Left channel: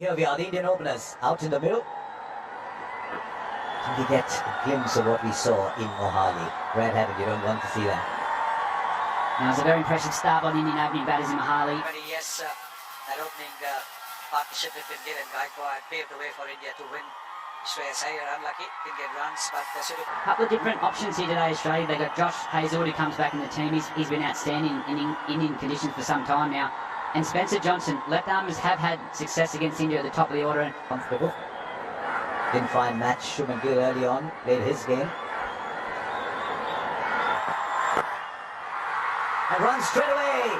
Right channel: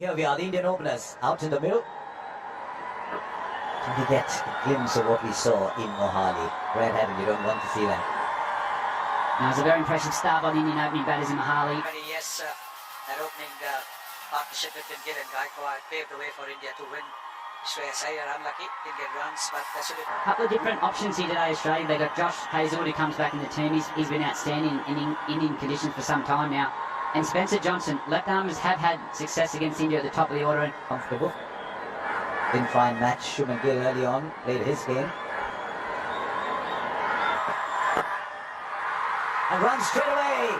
Here we are, the Indian openers, out in the middle. Can we get a glimpse of what we saw in Mohali? Brad Haddon, you don't want to see that. Now, it's a very impressive start by the Indian opening batters in Mohali. Yes, that opening partnership between Gill and Gaikwad paved the way for India to win. vsAUS unlucky, didn't get runs, but they should have... A couple of different options here today, Australia. They got Josh Hazlewood, who comes back in the team. He's been outstanding in Indian conditions for some time now. And Spencer Johnson, left armers have had success against India at the top of the order. And comfortable. Didn't try and match Shubman Gill early on, played his game. And runs straight away.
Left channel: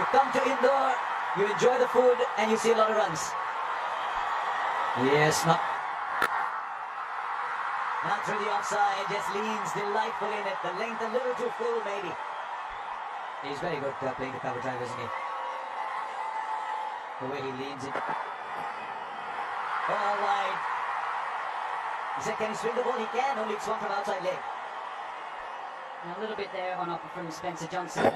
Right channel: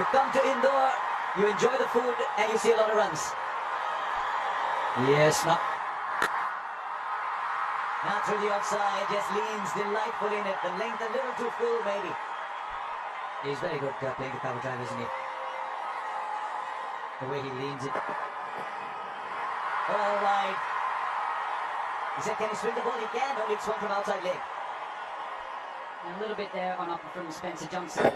You come to Indore, you enjoy the food, and you see a lot of runs. Yes, now through the offside, just leans delightful in it. The length a little too full, maybe. He's very good playing the cover drive, isn't he? The way he leans it. All wide. He said, can he swing the ball? He can, only swung from outside leg. a little bit there on offer from Spencer Johnson.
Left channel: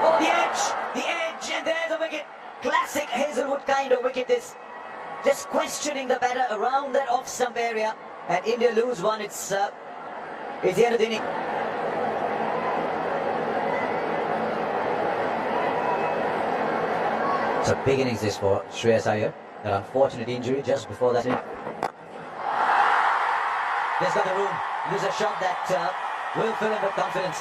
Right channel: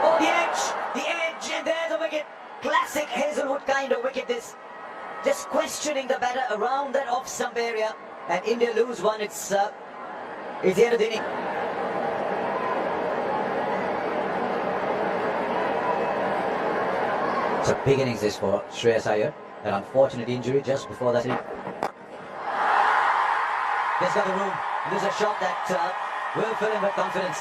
Oh, the edge, and there's a wicket. Classic Hazlewood kind of wicket this. Just questioning the batter around that off-stump area. And India lose one, it's the end of the inning. It's a big innings this for Shreyas Iyer. That unfortunate injury just before that. There's got the room. There's a shot that will fill him with confidence.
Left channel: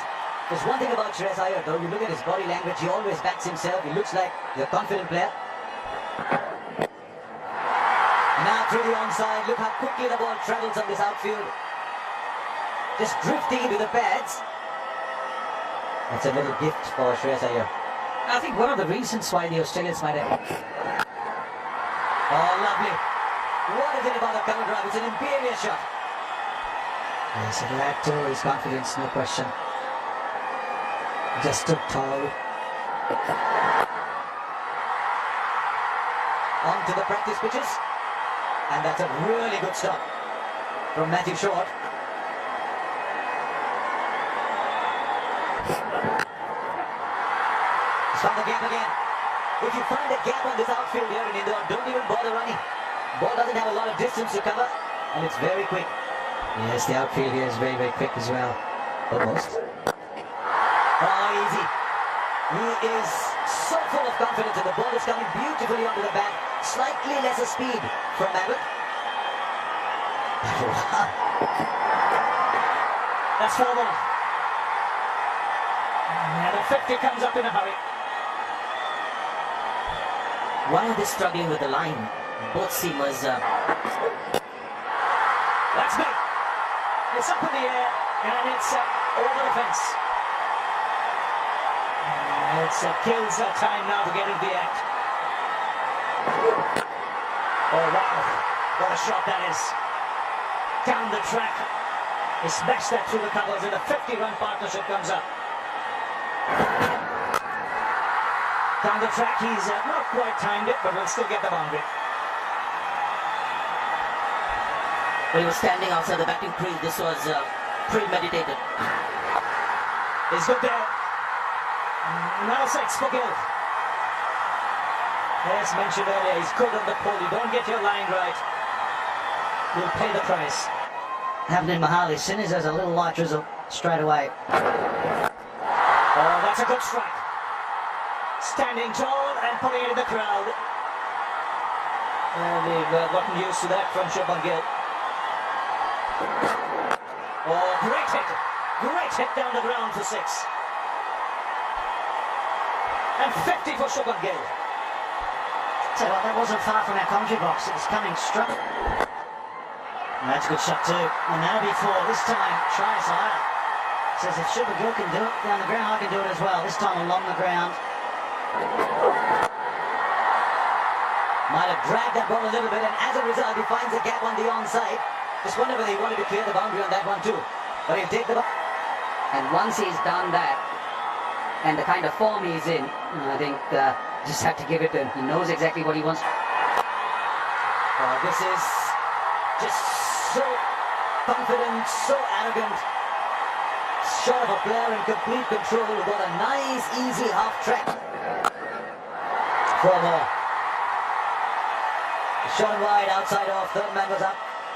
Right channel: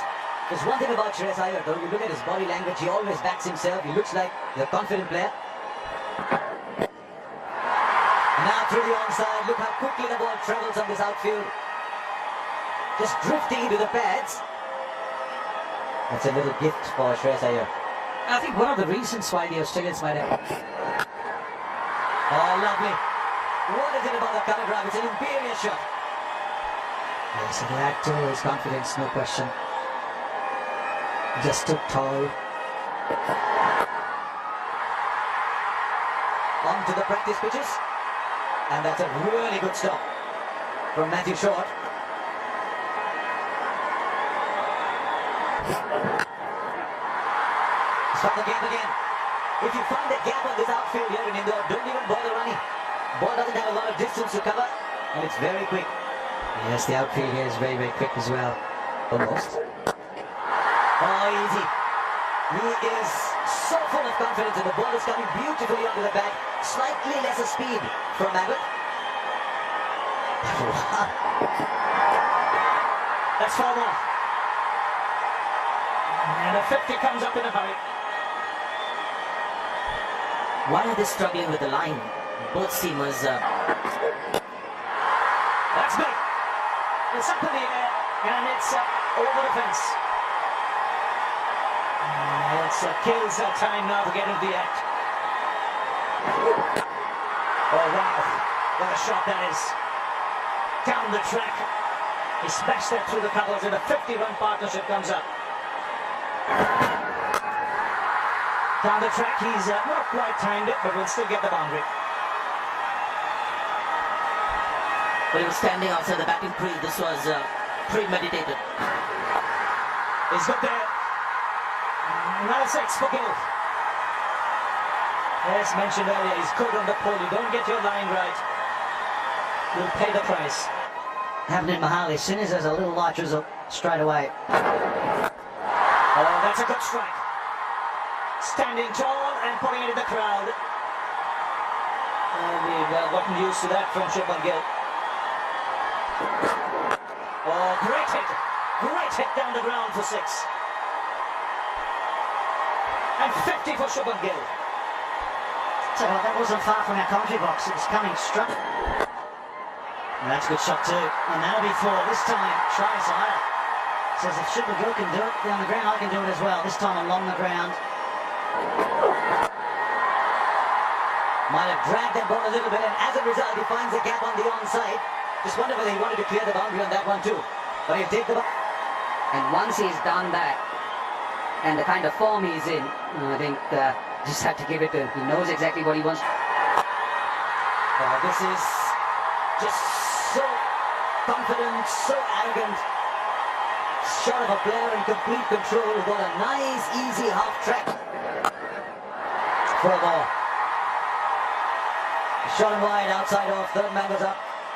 There's one thing about Shreyas Iyer though, you look at his body language, he always backs himself, he looks like he's a confident player. Now through the onside, look how quickly the ball travels on this outfield. Just drifting into the pads. That's a little gift for Shreyas Iyer. I think one of the reasons why the Australians might have... Oh, lovely. What is it about the cover drive? It's an imperious shot. Yes, it'll add to his confidence, no question. Just stood tall. On to the practice pitches. And that's a really good stop from Matthew Short. He's found the gap again. If you find a gap on this outfield here in Indore, don't even bother running. Ball doesn't have a lot of distance to cover, and it's very quick. Yes, the outfield here is very, very quick as well. Almost. Oh, easy. He is so full of confidence, and the ball is coming beautifully onto the bat. Slightly lesser speed from Abbott. That's 4 more. And a 50 comes up in a hurry. Why are they struggling with the line? Both seamers. That's big. It's up in the air and it's over the fence. It kills our time now to get into the act. Oh wow, what a shot that is. Down the track. He smashed that through the covers and a 50-run partnership comes up. Down the track, he's not quite timed it, but will still get the boundary. But he was standing outside the batting crease. This was premeditated. He's good there. Another 6 for Gill. As mentioned earlier, he's good on the pull. You don't get your line right, you'll pay the price. Happened in Mohali. As soon as there's a little light drizzle, straight away. Oh, that's a good strike. Standing tall and putting it in the crowd. We've gotten used to that from Shubman Gill. Oh, great hit. Great hit down the ground for 6. And 50 for Shubman Gill. Tell you what, that wasn't far from our commentary box. It was coming straight. And that's a good shot too. And that'll be 4. This time, Shreyas Iyer says if Shubman Gill can do it down the ground, I can do it as well. This time along the ground. Might have dragged that ball a little bit, and as a result, he finds a gap on the onside. Just wonder whether he wanted to clear the boundary on that one too. But he'll take the ball. And once he's done that, and the kind of form he's in, I think just have to give it to him. He knows exactly what he wants. This is just so confident, so arrogant. Shot of a player in complete control who got a nice, easy half track. 4 more. Shot him wide, outside off, third man was up.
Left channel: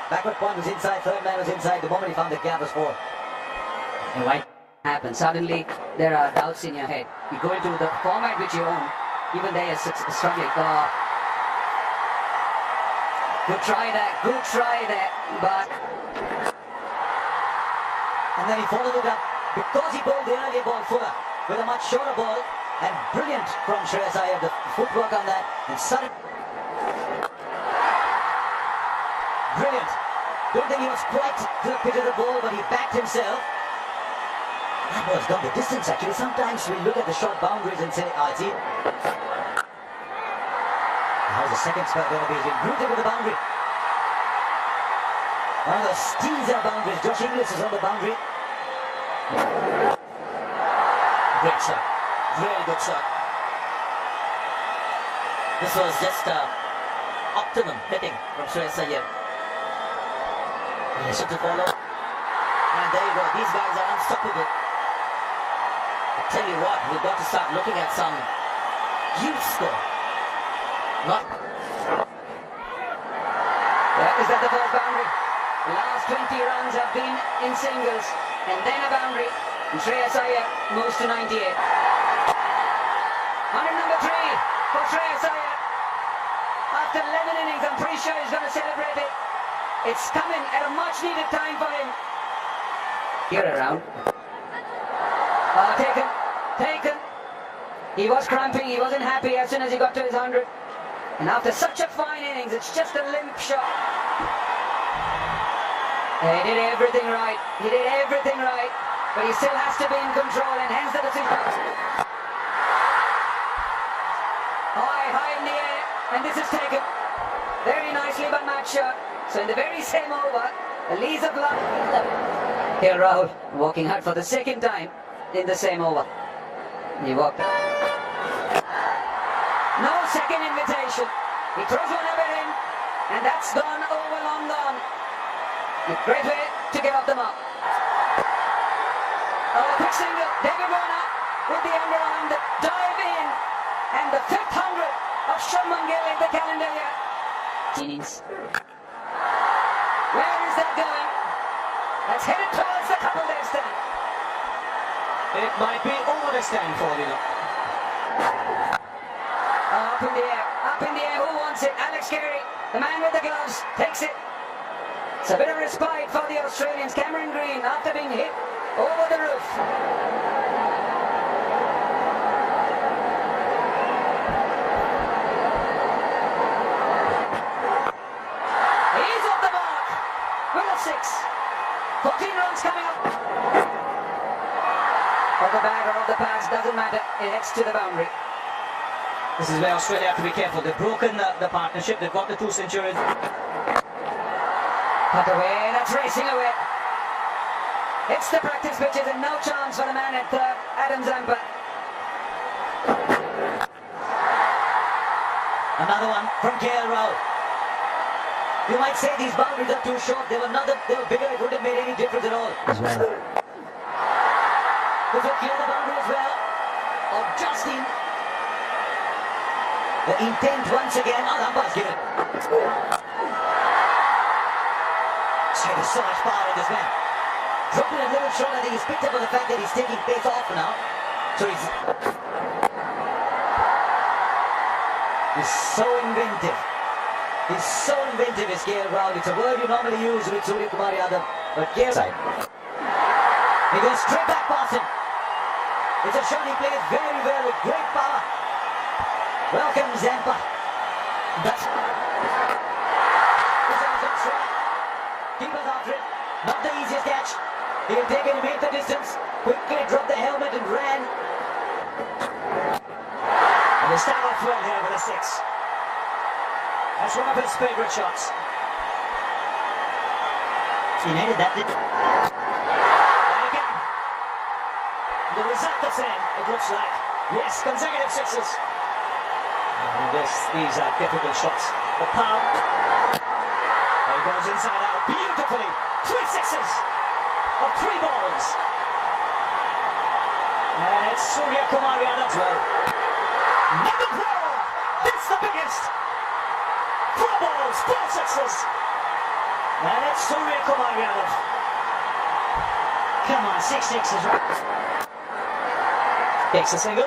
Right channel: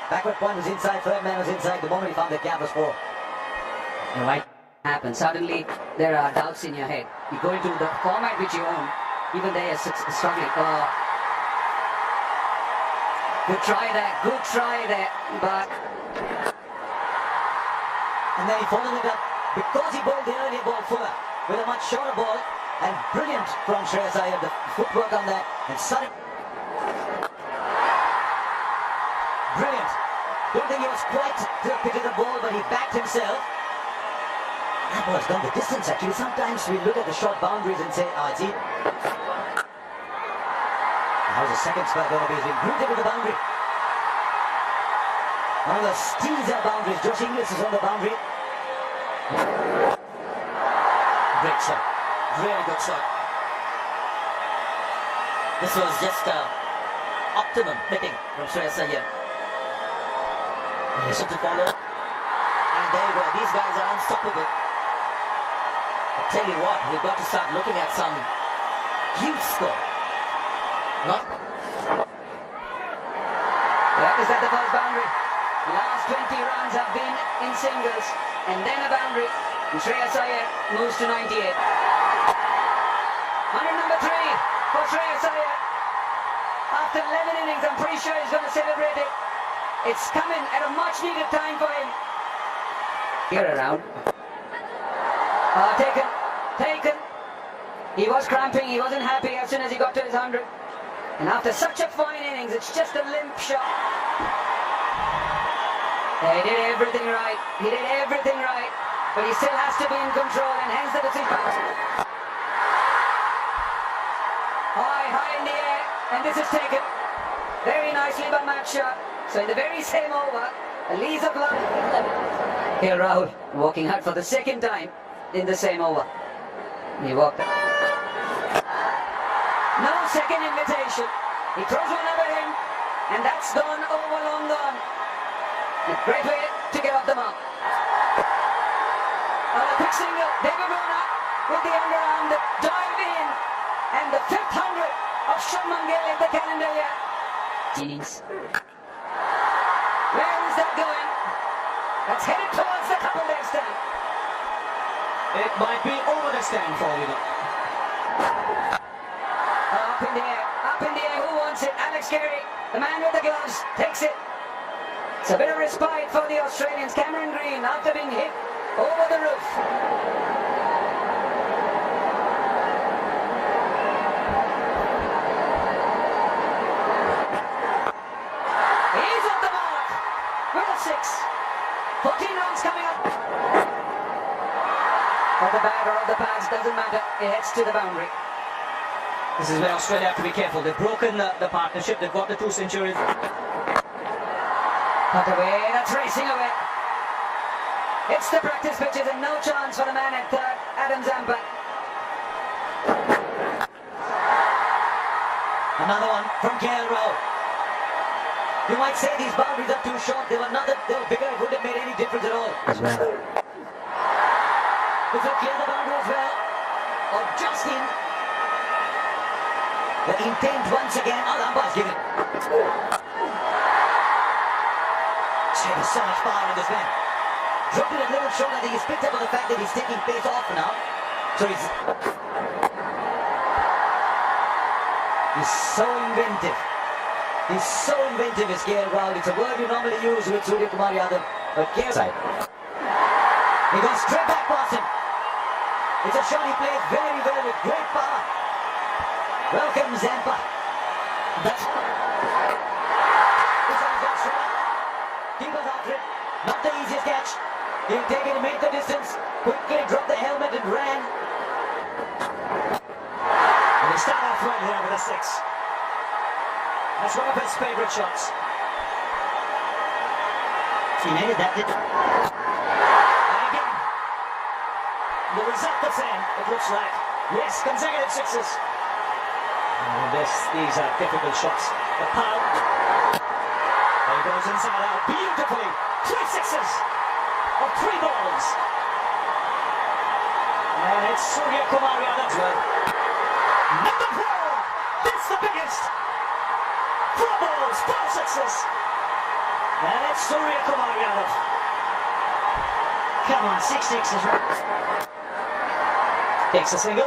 Backward point was inside, third man was inside. The moment he found the gap was 4. And why happen? Suddenly there are doubts in your head. You go into the format which you own, even there you're struggling. Good try there, but... And then he followed it up because he bowled the earlier ball fuller with a much shorter ball, and brilliant from Shreyas Iyer, the footwork on that, and sudden. Brilliant. Don't think he was quite to the pitch of the ball, but he backed himself. That ball's gone the distance actually. Sometimes we look at the short boundaries and say, it's easy. How's the second spell going to be? He's been greeted with the boundary. One of those teaser boundaries. Josh Inglis is on the boundary. Great shot. Really good shot. This was just optimum hitting from Shreyas Iyer. Listen to follow. And there you go. These guys are unstoppable. I tell you what, we've got to start looking at some huge score. Not. Yeah, is that the first boundary? The last 20 runs have been in singles, and then a boundary. And Shreyas Iyer moves to 98. 100 number 3 for Shreyas Iyer. After 11 innings, I'm pretty sure he's going to celebrate it. It's coming at a much needed time for him. Here around. Taken. He was cramping, he wasn't happy as soon as he got to his 100. And after such a fine innings, it's just a limp shot. He did everything right. But he still has to be in control, and hence the decision. High in the air, and this is taken very nicely by Matt Shah. So in the very same over, a lease of life. Here Rahul walking out for the second time in the same over. He walked out. No second invitation. He throws one over him, and that's gone over, long gone. A great way to get off the mark. A quick single. David Warner with the underarm, the dive in, and the 5th 100 of Shubman Gill in the calendar year. Innings. Where is that going? That's headed towards the couple-day stand. It might be over the stand for you know. Up in the air, who wants it? Alex Carey, the man with the gloves, takes it. It's a bit of respite for the Australians. Cameron Green, after being hit over the roof. He's off the mark with a 6. 14 runs coming up. Of the bag or of the pads, doesn't matter. It heads to the boundary. This is where Australia have to be careful. They've broken the partnership. They've got the 2 centuries. Cut away, that's racing away. It's the practice pitches and no chance for the man at third, Adam Zampa. Another one from KL Rao. You might say these boundaries are too short. They were bigger, it wouldn't have made any difference at all. As well. This will clear the boundary as well. Of Justin. The intent once again. Oh, the umpire's given it. There's so much power in this man. Dropped it a little short. I think he's picked up on the fact that he's taking pace off now. So he's so inventive. He's so inventive, is KL Rahul. It's a word you normally use with Surya Kumar Yadav. But KL side. He goes straight back past him. It's a shot he plays very well with great power. Welcome Zampa. That's this one's gone straight up. Keepers after it. Not the easiest catch. He'll take it and make the distance. Quickly dropped the helmet and ran. And they start off well here with a 6. That's one of his favourite shots. He needed that. And again. The result the same, it looks like. Yes, consecutive 6s. And these are difficult shots. The power. There he goes inside out beautifully. 3 6s of 3 balls. And it's Surya Kumar Yadav as well. Number 4. That's the biggest. balls, 4 sixes. And it's Surya Kumar Yadav. Come on, 6 sixes. Takes a single.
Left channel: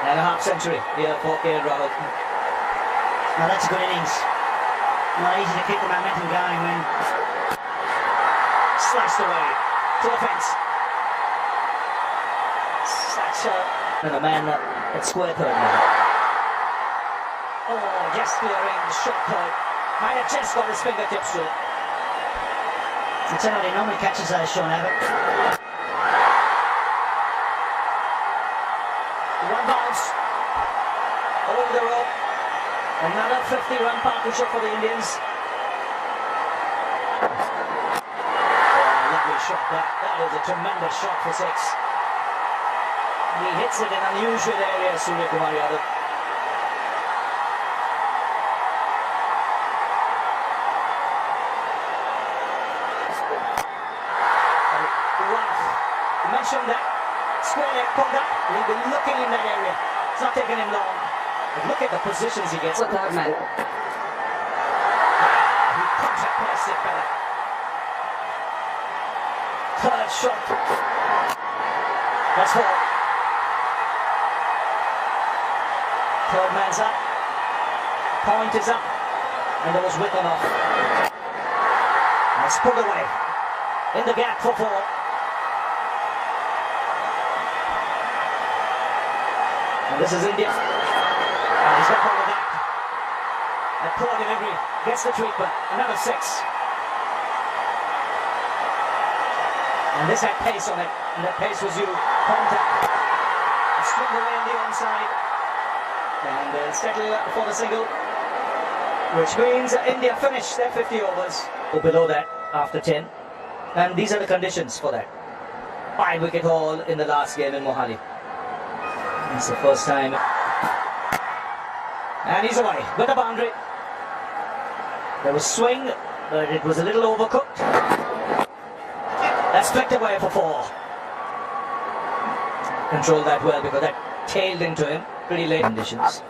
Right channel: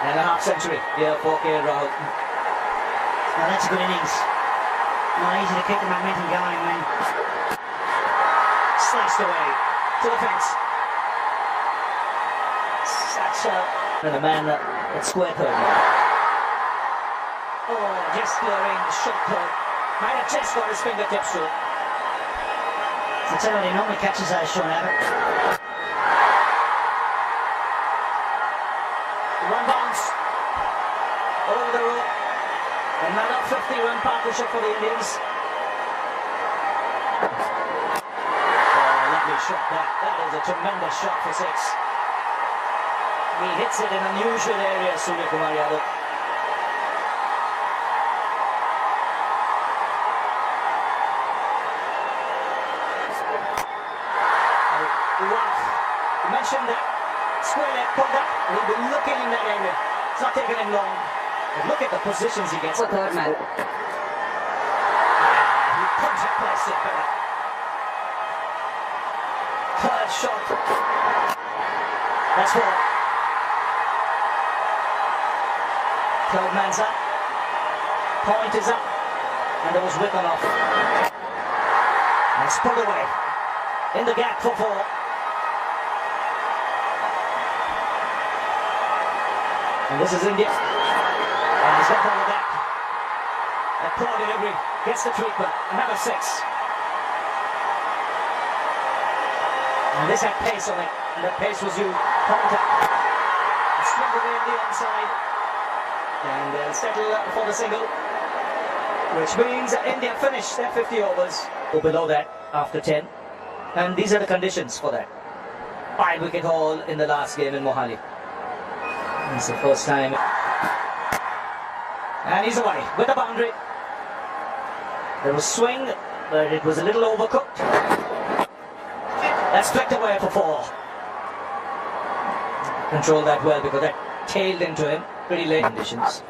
And a half century here for KL Rahul. Now that's a good innings. Not easy to keep the momentum going when Sliced away to the fence. Such a... And the man at square third now. Oh, just clearing, shot third. Might have just got his fingertips to it. I'll tell you what, he normally catches those, Sean Abbott. One bounce over the rope. Another 50-run partnership for the Indians. Oh, lovely shot that. That is a tremendous shot for 6. He hits it in unusual areas, Surya Kumar Yadav. Wow. You mentioned that. Square leg pulled up. He'll be looking in that area. It's not taking him long. But look at the positions he gets. The third man. He contact placed it better. Third shot. That's 4. Third man's up. Point is up. And there was width on off. And it's pulled away. In the gap for 4. And this is India. And he's got hold of that. That poor delivery gets the treatment. Another 6. And this had pace on it. And that pace was you. Contact. It's swung away on the onside. And they'll settle for the single. Which means India finished their 50 overs. Or below that after 10. And these are the conditions for that. 5-wicket haul in the last game in Mohali. It's the first time. And he's away with the boundary. There was swing, but it was a little overcooked. That's flicked away for 4. Controlled that well because that tailed into him. Pretty late conditions.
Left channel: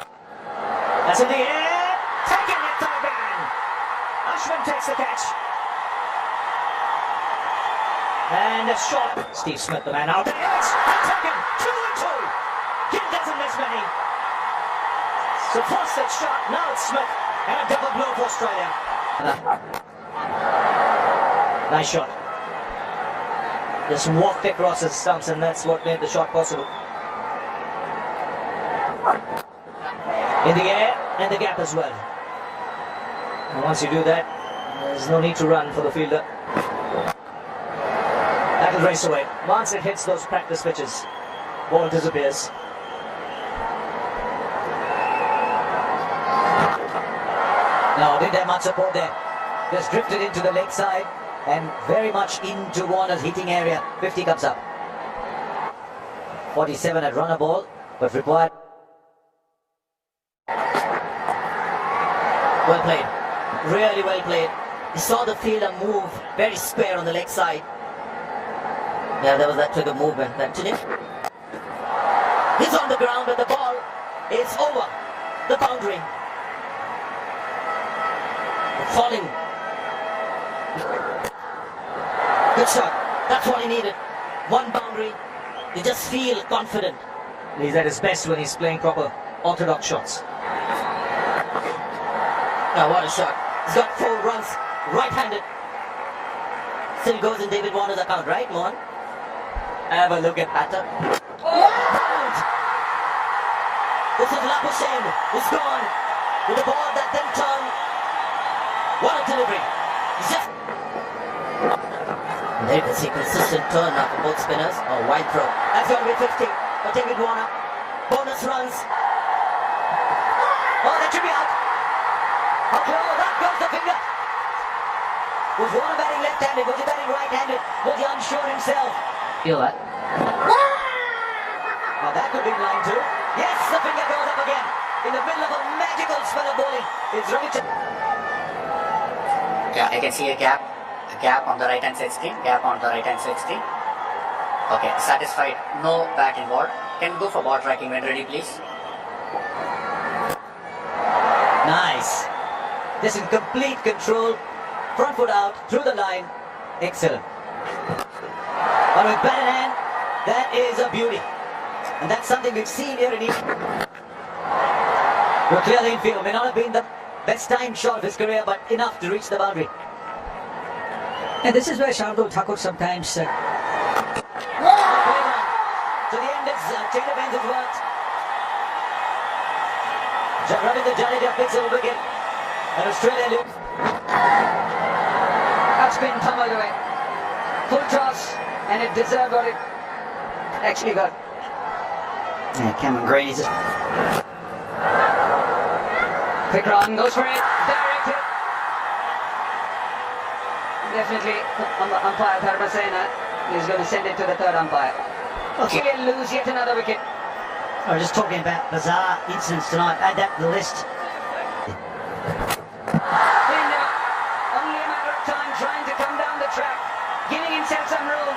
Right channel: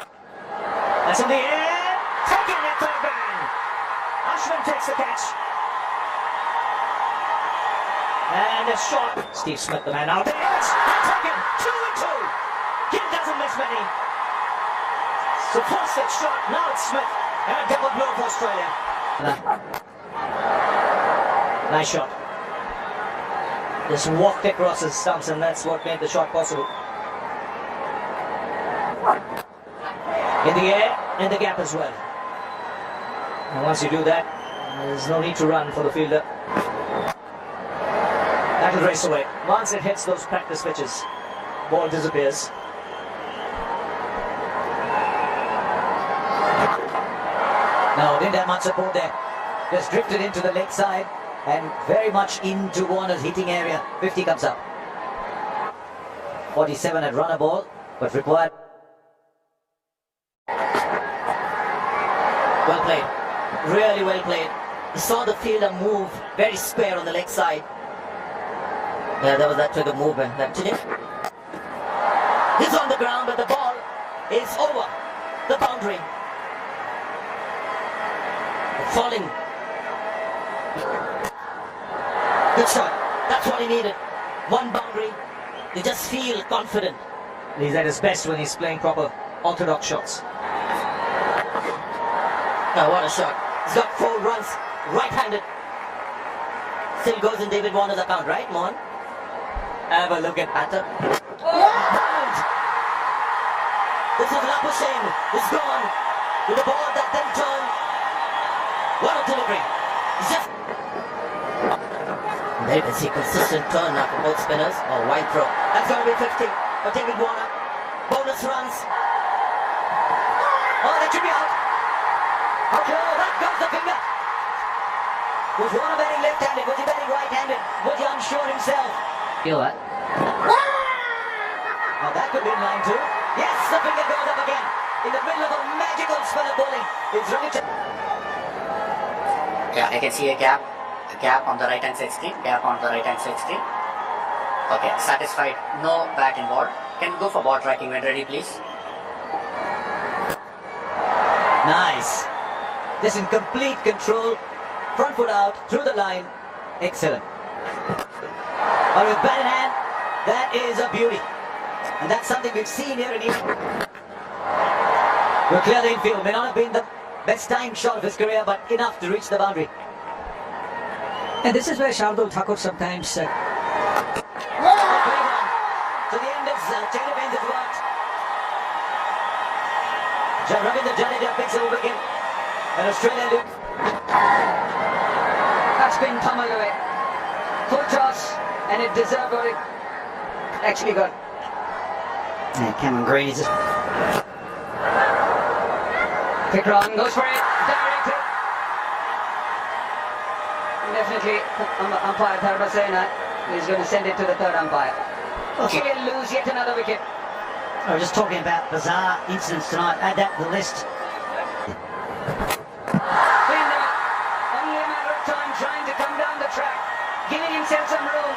That's in the air. Taking it, third man. Ashwin takes the catch. And a shot. Steve Smith, the man out there. It's taken. 2 and 2. Gill doesn't miss many. So first it's shot, now it's Smith. And a double blow for Australia. Nice shot. Just walked across his stumps and that's what made the shot possible. In the air, in the gap as well. And once you do that, there's no need to run for the fielder. That'll race away. Once it hits those practice pitches, ball disappears. No, didn't have much support there. Just drifted into the leg side and very much into Warner's hitting area. 50 comes up. 47 had run a ball, but required. Well played. Really well played. He saw the fielder move very square on the leg side. Yeah, there was that trigger movement. That Tunic. He's on the ground, but the ball is over the boundary. Falling. Good shot. That's what he needed. One boundary. You just feel confident. He's at his best when he's playing proper orthodox shots. Now what a shot. He's got 4 runs. Right-handed. Still goes in David Warner's account, right, Mohan? Have a look at Batter. Bowled. This is Lapushen. He's gone. With the ball that then turned. What a delivery. He's just... There you can see consistent turn now for both spinners. Oh, wide throw. That's going to be 50 for David Warner. Bonus runs. Oh, that should be out. Okay, oh, that goes the finger. Was Warner batting left-handed? Was he batting right-handed? Was he unsure himself? Feel that. Now that could be in line too. Yes, the finger goes up again. In the middle of a magical spell of bowling is Ravichandran. Yeah, I can see a gap on the right hand side screen, gap on the right hand side screen. Okay, satisfied, no bat involved. Can we go for ball tracking when ready, please? Nice. Just in complete control. Front foot out, through the line. Excellent. But with bat in hand, that is a beauty. And that's something we've seen here in India. We'll clear the infield. May not have been the best timed shot of his career, but enough to reach the boundary. And this is where Shardul Thakur sometimes So the end is chain of ends has worked. Ravindra Jadeja picks a wicket. An Australian look. that's been pummeled away. Full toss, and it deserved what it actually got. Yeah, Cameron Green, he's just... Quick run, goes for it, directed. Definitely, umpire Dharmasena is going to send it to the third umpire. Okay. He'll lose yet another wicket. We're just talking about bizarre incidents tonight. Add that to the list. Cleaned him up. Only a matter of time trying to come down the track, giving himself some room.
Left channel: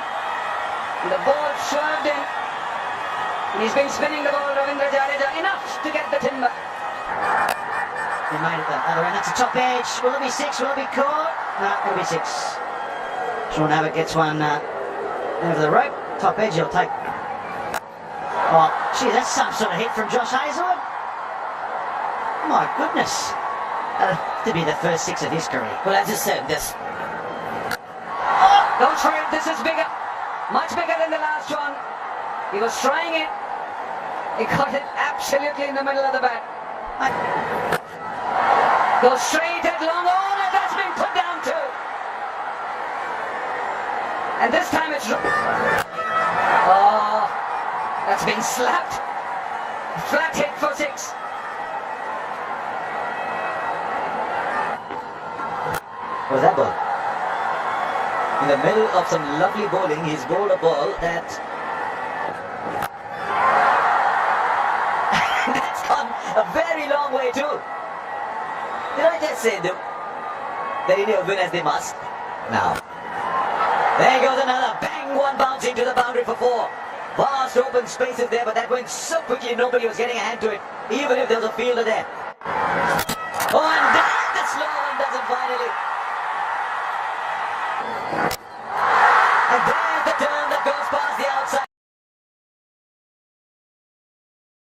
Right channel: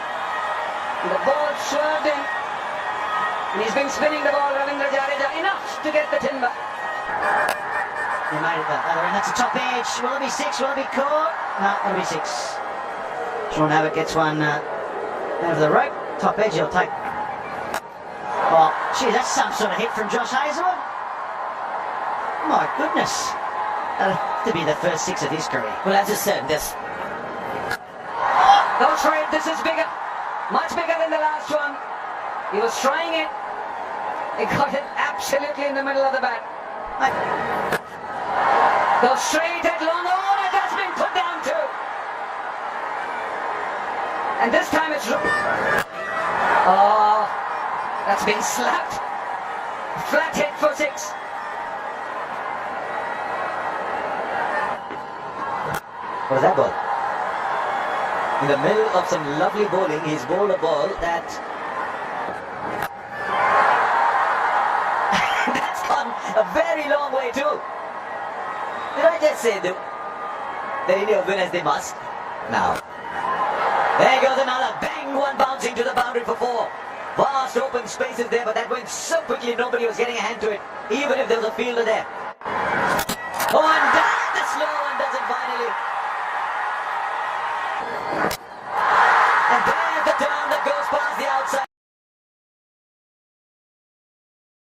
And the ball swerved in. And he's been spinning the ball, Ravindra Jadeja, enough to get the timber. He made it the other end. That's a top edge. Will it be six? Will it be caught? No, it'll be six. Sean Abbott gets one over the rope. Top edge he'll take. Oh, gee, that's some sort of hit from Josh Hazlewood. My goodness. To be the first six of his career. Well, as you said, this. Goes for it. This is bigger. Much bigger than the last one. He was trying it. He got it absolutely in the middle of the bat. Goes straight at long on, and that's been put down too. And this time it's... Oh, that's been slapped. Flat hit for six. What was that ball? In the middle of some lovely bowling, he's bowled a ball that... that's gone a very long way too. Did I just say that India will win as they must? Now. There goes another. Bang! One bounce into the boundary for four. Vast open spaces there, but that went so quickly nobody was getting a hand to it, even if there was a fielder there. Oh, and